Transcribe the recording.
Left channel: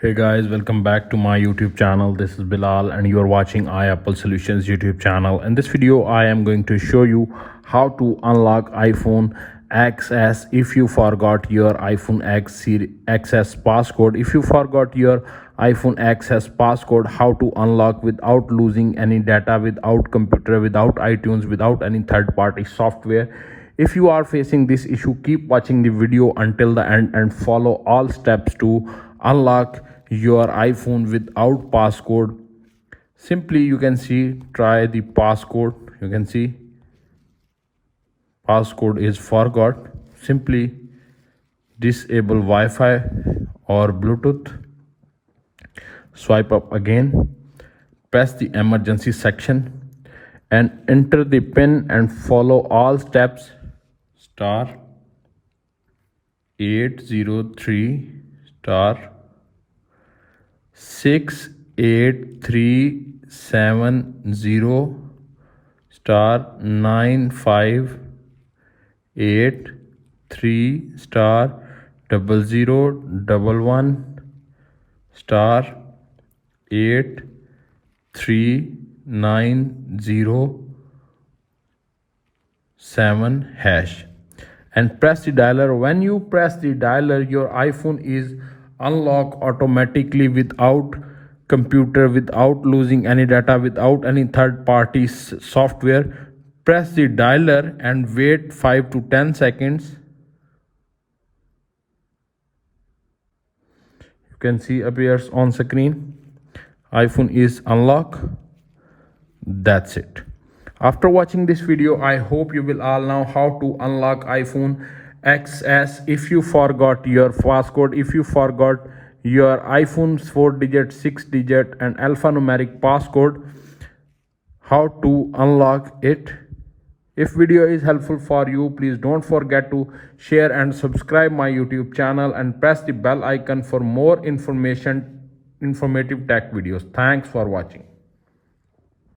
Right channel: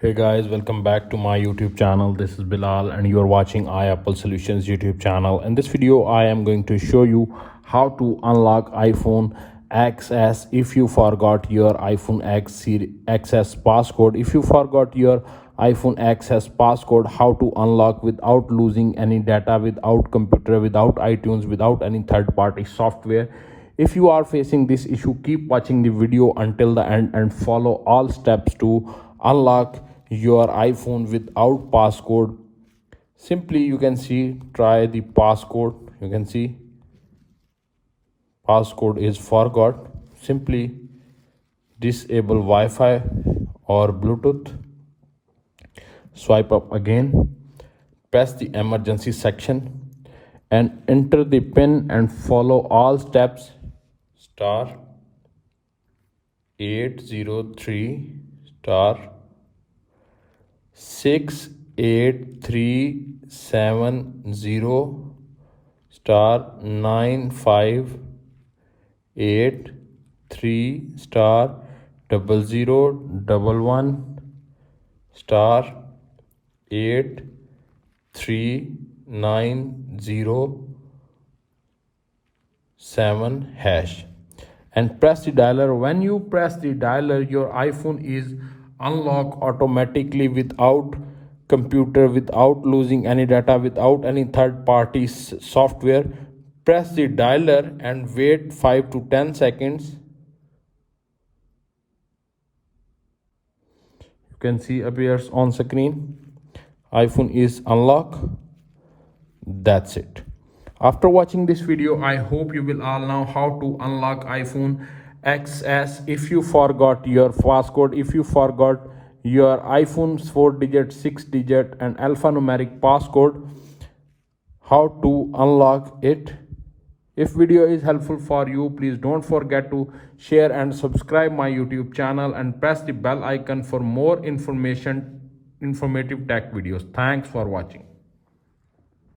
Hey guys, welcome back to my YouTube channel. This is Bilal and you are watching iApple Solutions YouTube channel. In this video, I am going to show you how to unlock iPhone XS if you forgot your iPhone XS passcode. If you forgot your iPhone XS passcode, how to unlock without losing any data, without computer, without iTunes, without any third-party software. If you are facing this issue, keep watching the video until the end and follow all steps to unlock your iPhone without passcode. Simply, you can see, try the passcode. You can see passcode is forgot. Simply disable Wi-Fi or Bluetooth. Swipe up again, press the emergency section and enter the pin and follow all steps. Star 803 star 68370 star 9583 star 0011 star 83907 hash and press the dialer. When you press the dialer, your iPhone is unlocked automatically without computer, without losing any data, without any third party software. Press the dialer and wait 5 to 10 seconds. You can see appears on screen. iPhone is unlocked. That's it. After watching this video, I hope you will all know how to unlock iPhone XS if you forgot your passcode, if you forgot your iPhone's 4-digit, 6-digit and alphanumeric passcode, how to unlock it. If video is helpful for you, please don't forget to share and subscribe my YouTube channel and press the bell icon for more informative tech videos. Thanks for watching.